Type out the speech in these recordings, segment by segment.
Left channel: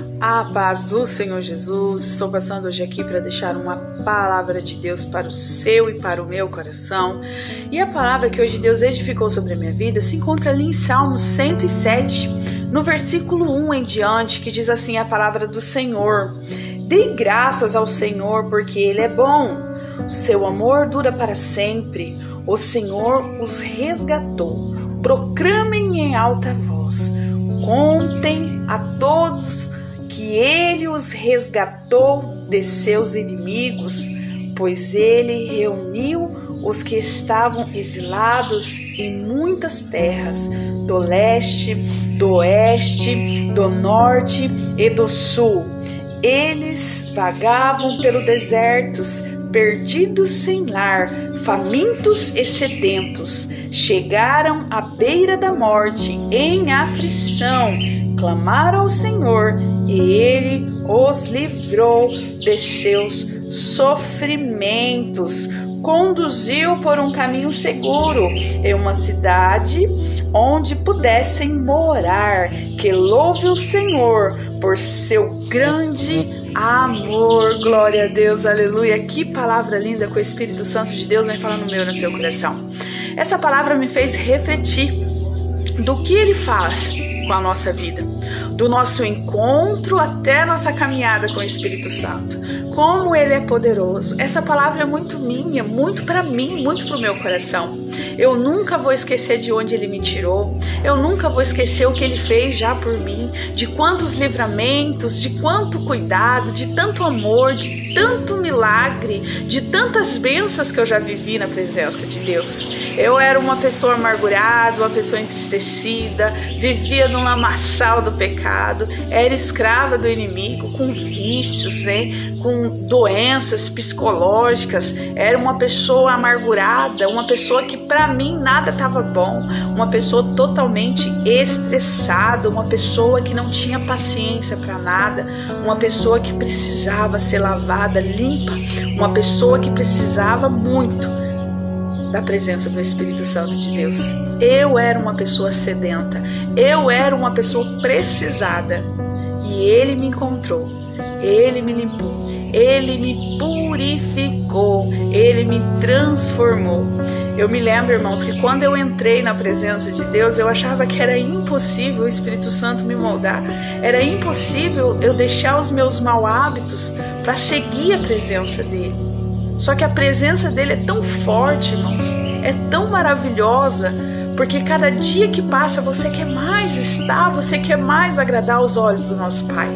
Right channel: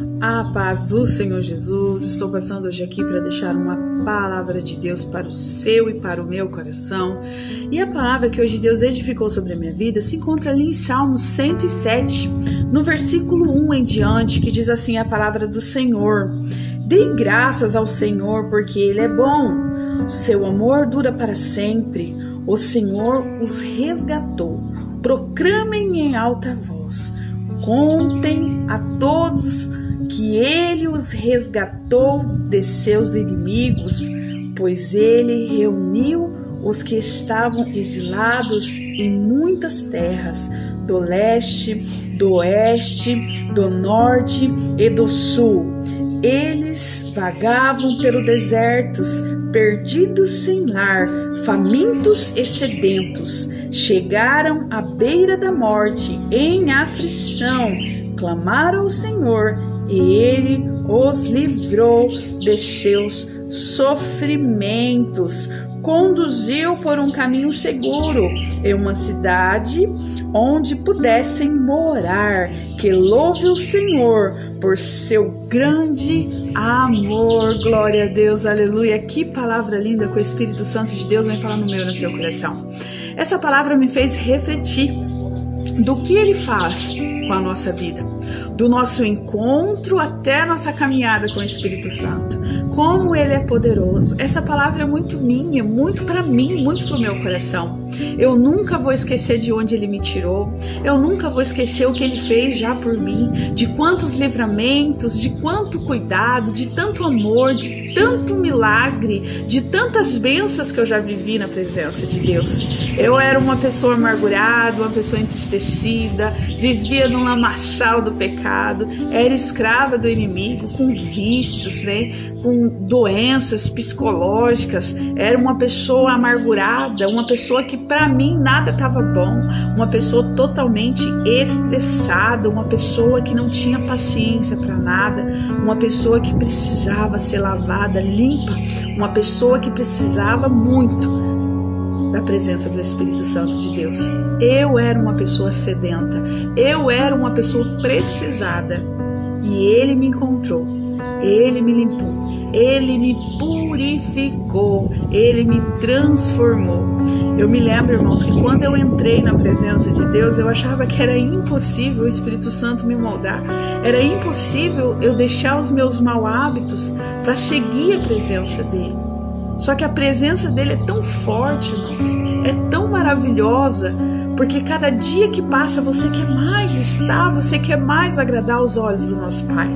A paz do Senhor Jesus. Estou passando hoje aqui para deixar uma palavra de Deus para o seu e para o meu coração. E a palavra que hoje Deus edificou sobre a minha vida se encontra ali em Salmos 107, no versículo 1 em diante, que diz assim a palavra do Senhor: Dê graças ao Senhor, porque Ele é bom. O seu amor dura para sempre. O Senhor os resgatou. Proclamem em alta voz. Contem a todos que Ele os resgatou de seus inimigos, pois Ele reuniu os que estavam exilados em muitas terras, do leste, do oeste, do norte e do sul. Eles vagavam pelo deserto, perdidos sem lar, famintos e sedentos. Chegaram à beira da morte, em aflição. Clamaram ao Senhor e Ele os livrou de seus sofrimentos. Conduziu por um caminho seguro em uma cidade onde pudessem morar. Que louve o Senhor por seu grande amor. Glória a Deus, aleluia. Que palavra linda que o Espírito Santo de Deus vem falando no meu e no seu coração. Essa palavra me fez refletir do que Ele faz com a nossa vida, do nosso encontro até a nossa caminhada com o Espírito Santo, como Ele é poderoso. Essa palavra é muito minha, muito para mim, muito para o meu coração. Eu nunca vou esquecer de onde Ele me tirou, eu nunca vou esquecer o que Ele fez já por mim, de quantos livramentos, de quanto cuidado, de tanto amor, de tanto milagre, de tantas bênçãos que eu já vivi na presença de Deus. Eu era uma pessoa amargurada, uma pessoa entristecida, vivia num lamaçal do pecado, era escrava do inimigo, com vícios, com doenças psicológicas. Era uma pessoa amargurada, uma pessoa que para mim nada estava bom, uma pessoa totalmente estressada, uma pessoa que não tinha paciência para nada, uma pessoa que precisava ser lavada, limpa, uma pessoa que precisava muito da presença do Espírito Santo de Deus. Eu era uma pessoa sedenta, eu era uma pessoa precisada, e Ele me encontrou, Ele me limpou, Ele me purificou, Ele me transformou. Eu me lembro, irmãos, que quando eu entrei na presença de Deus, eu achava que era impossível o Espírito Santo me moldar, era impossível eu deixar os meus maus hábitos para seguir a presença dEle. Só que a presença dEle é tão forte, irmãos, é tão maravilhosa, porque cada dia que passa você quer mais estar, você quer mais agradar aos olhos do nosso Pai.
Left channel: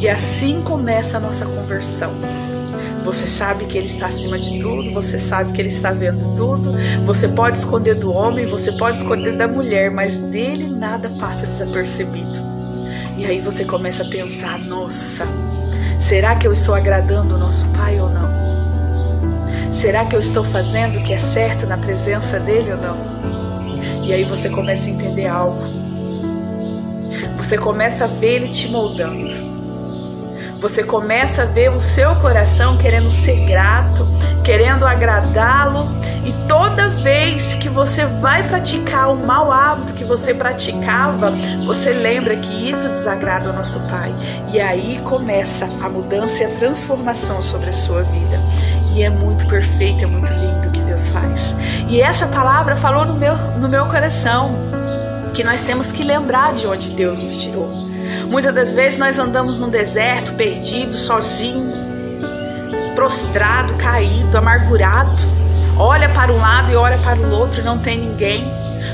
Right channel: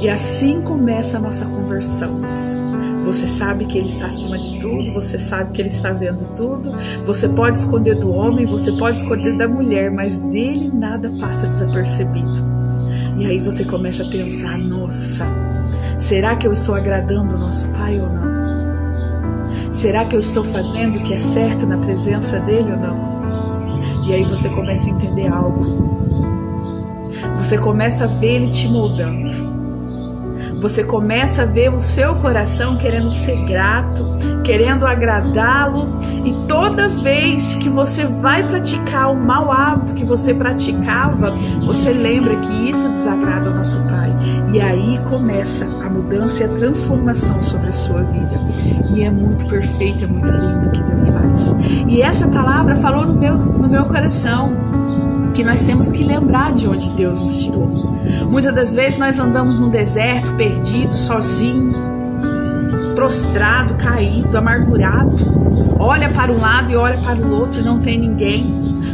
E assim começa a nossa conversão. Você sabe que Ele está acima de tudo, você sabe que Ele está vendo tudo, você pode esconder do homem, você pode esconder da mulher, mas dele nada passa desapercebido. E aí você começa a pensar: nossa, será que eu estou agradando o nosso Pai ou não? Será que eu estou fazendo o que é certo na presença dEle ou não? E aí você começa a entender algo. Você começa a ver Ele te moldando. Você começa a ver o seu coração querendo ser grato, querendo agradá-lo. E toda vez que você vai praticar o mau hábito que você praticava, você lembra que isso desagrada ao nosso Pai. E aí começa a mudança e a transformação sobre a sua vida. E é muito perfeito, é muito lindo o que Deus faz. E essa palavra falou no meu coração, que nós temos que lembrar de onde Deus nos tirou. Muitas das vezes nós andamos num deserto, perdido, sozinho, prostrado, caído, amargurado. Olha para um lado e olha para o outro e não tem ninguém.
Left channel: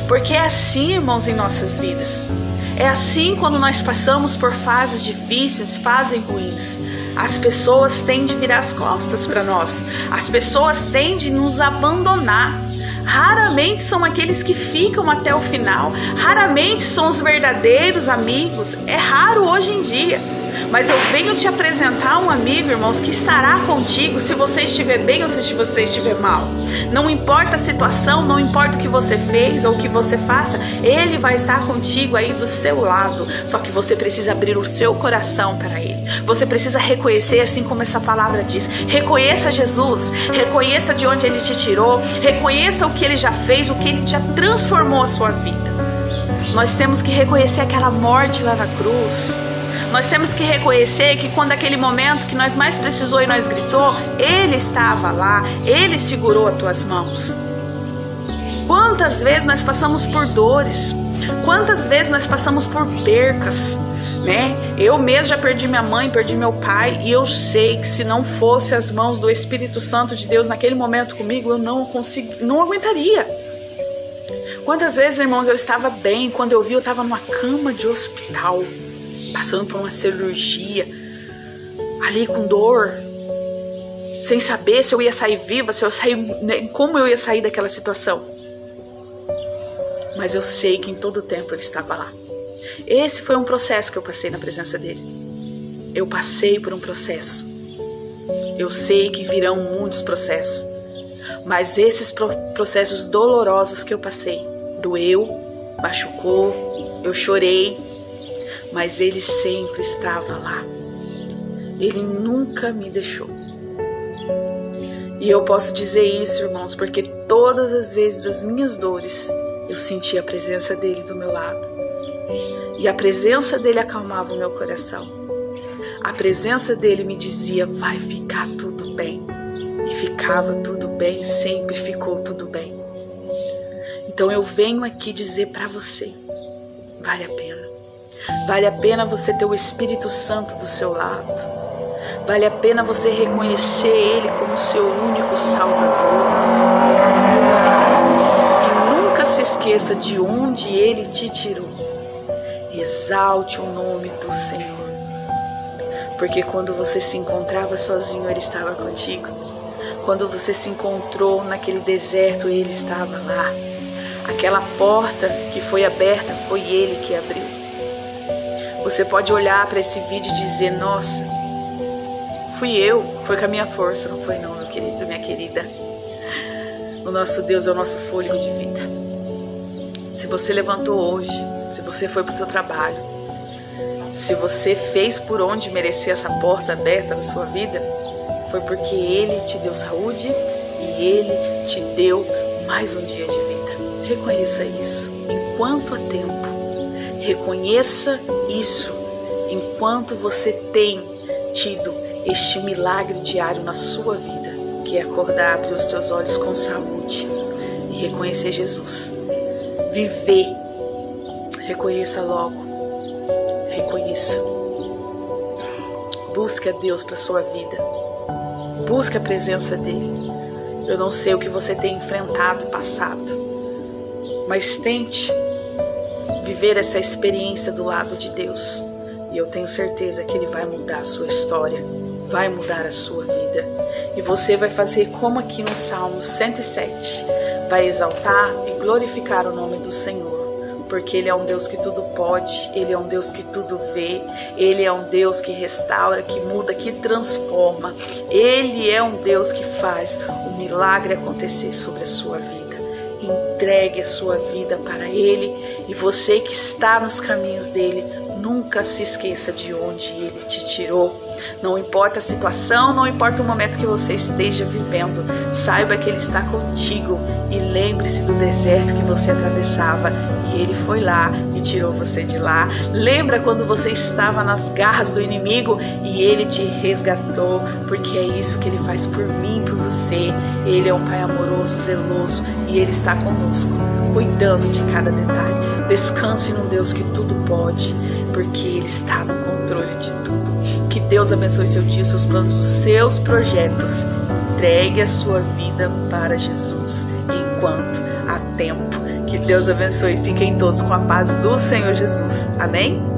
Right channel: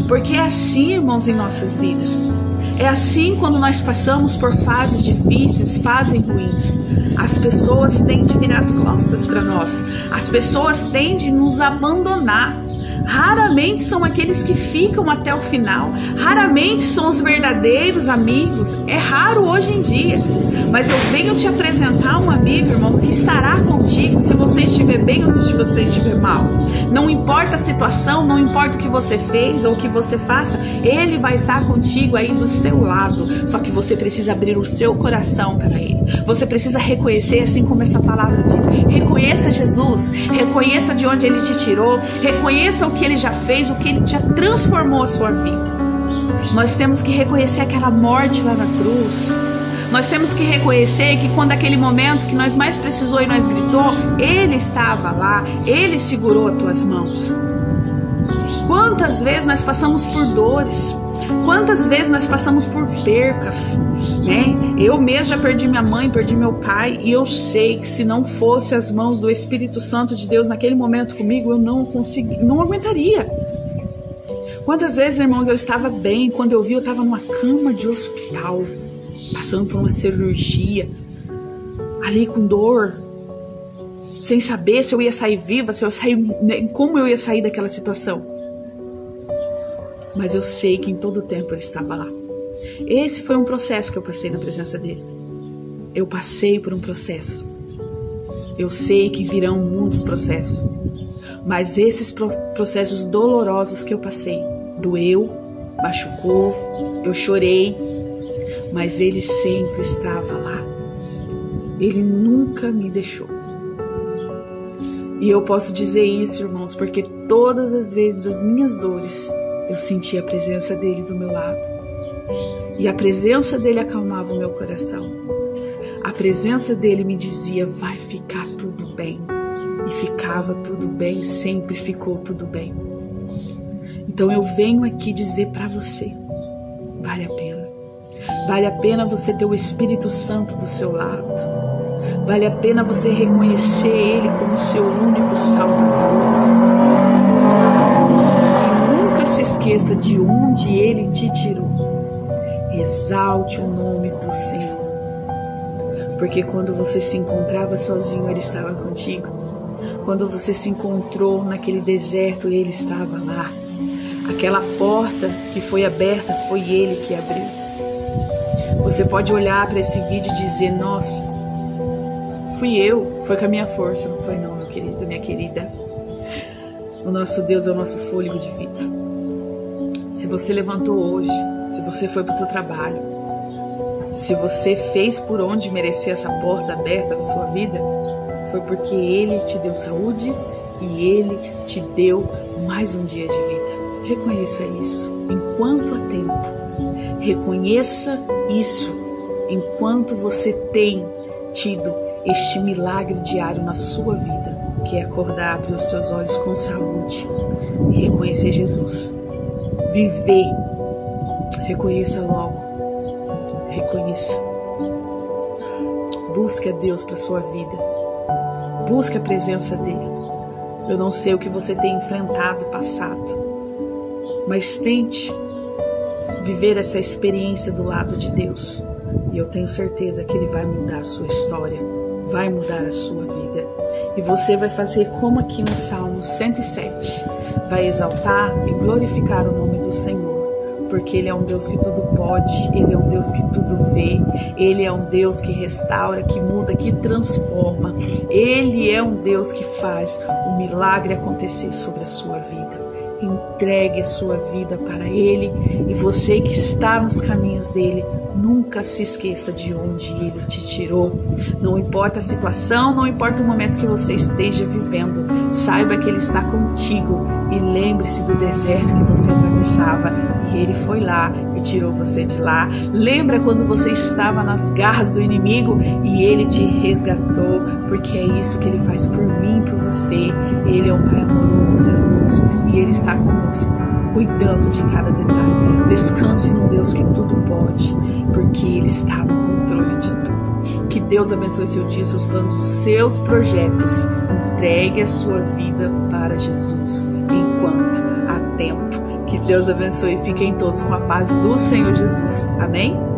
Porque é assim, irmãos, em nossas vidas. É assim quando nós passamos por fases difíceis, fases ruins. As pessoas tendem a virar as costas para nós. As pessoas tendem a nos abandonar. Raramente são aqueles que ficam até o final. Raramente são os verdadeiros amigos. É raro hoje em dia. Mas eu venho te apresentar um amigo, irmãos, que estará contigo se você estiver bem ou se você estiver mal. Não importa a situação, não importa o que você fez ou o que você faça, Ele vai estar contigo aí do seu lado. Só que você precisa abrir o seu coração para Ele. Você precisa reconhecer, assim como essa palavra diz. Reconheça Jesus, reconheça de onde Ele te tirou, reconheça o que Ele já fez, o que Ele já transformou a sua vida. Nós temos que reconhecer aquela morte lá na cruz. Nós temos que reconhecer que quando aquele momento que nós mais precisou e nós gritou, Ele estava lá, Ele segurou as tuas mãos. Quantas vezes nós passamos por dores, quantas vezes nós passamos por percas, né? Eu mesmo já perdi minha mãe, perdi meu pai, e eu sei que se não fosse as mãos do Espírito Santo de Deus naquele momento comigo, eu não aguentaria. Quantas vezes, irmãos, eu estava bem, quando eu vi, eu estava numa cama de hospital, passando por uma cirurgia, ali com dor, sem saber se eu ia sair viva, se eu sair, como eu ia sair daquela situação. Mas eu sei que em todo tempo Ele estava lá. Esse foi um processo que eu passei na presença dEle. Eu passei por um processo. Eu sei que virão muitos processos, mas esses processos dolorosos que eu passei, doeu, machucou, eu chorei, mas Ele sempre estava lá. Ele nunca me deixou. E eu posso dizer isso, irmãos, porque todas as vezes das minhas dores, eu senti a presença dEle do meu lado. E a presença dEle acalmava o meu coração. A presença dEle me dizia, vai ficar tudo bem. E ficava tudo bem, sempre ficou tudo bem. Então eu venho aqui dizer para você, vale a pena. Vale a pena você ter o Espírito Santo do seu lado. Vale a pena você reconhecer Ele como seu único Salvador. Se esqueça de onde Ele te tirou. Exalte o nome do Senhor. Porque quando você se encontrava sozinho, Ele estava contigo. Quando você se encontrou naquele deserto, Ele estava lá. Aquela porta que foi aberta, foi Ele que abriu. Você pode olhar para esse vídeo e dizer, nossa, fui eu, foi com a minha força, não foi não, meu querido, minha querida. O nosso Deus é o nosso fôlego de vida. Se você levantou hoje, se você foi para o seu trabalho, se você fez por onde merecer essa porta aberta da sua vida, foi porque Ele te deu saúde e Ele te deu mais um dia de vida. Reconheça isso enquanto há tempo. Reconheça isso enquanto você tem tido este milagre diário na sua vida, que é acordar, abrir os teus olhos com saúde e reconhecer Jesus. Viver. Reconheça logo. Reconheça. Busque a Deus para a sua vida. Busque a presença dEle. Eu não sei o que você tem enfrentado, passado, mas tente viver essa experiência do lado de Deus. E eu tenho certeza que Ele vai mudar a sua história, vai mudar a sua vida. E você vai fazer como aqui no Salmo 107. Vai exaltar e glorificar o nome do Senhor. Porque Ele é um Deus que tudo pode, Ele é um Deus que tudo vê, Ele é um Deus que restaura, que muda, que transforma. Ele é um Deus que faz o milagre acontecer sobre a sua vida. Entregue a sua vida para Ele, e você que está nos caminhos dEle, nunca se esqueça de onde Ele te tirou. Não importa a situação, não importa o momento que você esteja vivendo, saiba que Ele está contigo, e lembre-se do deserto que você atravessava, e Ele foi lá e tirou você de lá. Lembra quando você estava nas garras do inimigo e Ele te resgatou, porque é isso que Ele faz por mim e por você. Ele é um Pai amoroso, zeloso, e Ele está conosco, cuidando de cada detalhe. Descanse num Deus que tudo pode, porque Ele está no controle de tudo. Que Deus abençoe seu dia, seus planos, os seus projetos. Entregue a sua vida para Jesus enquanto há tempo. Que Deus abençoe e fiquem todos com a paz do Senhor Jesus. Amém?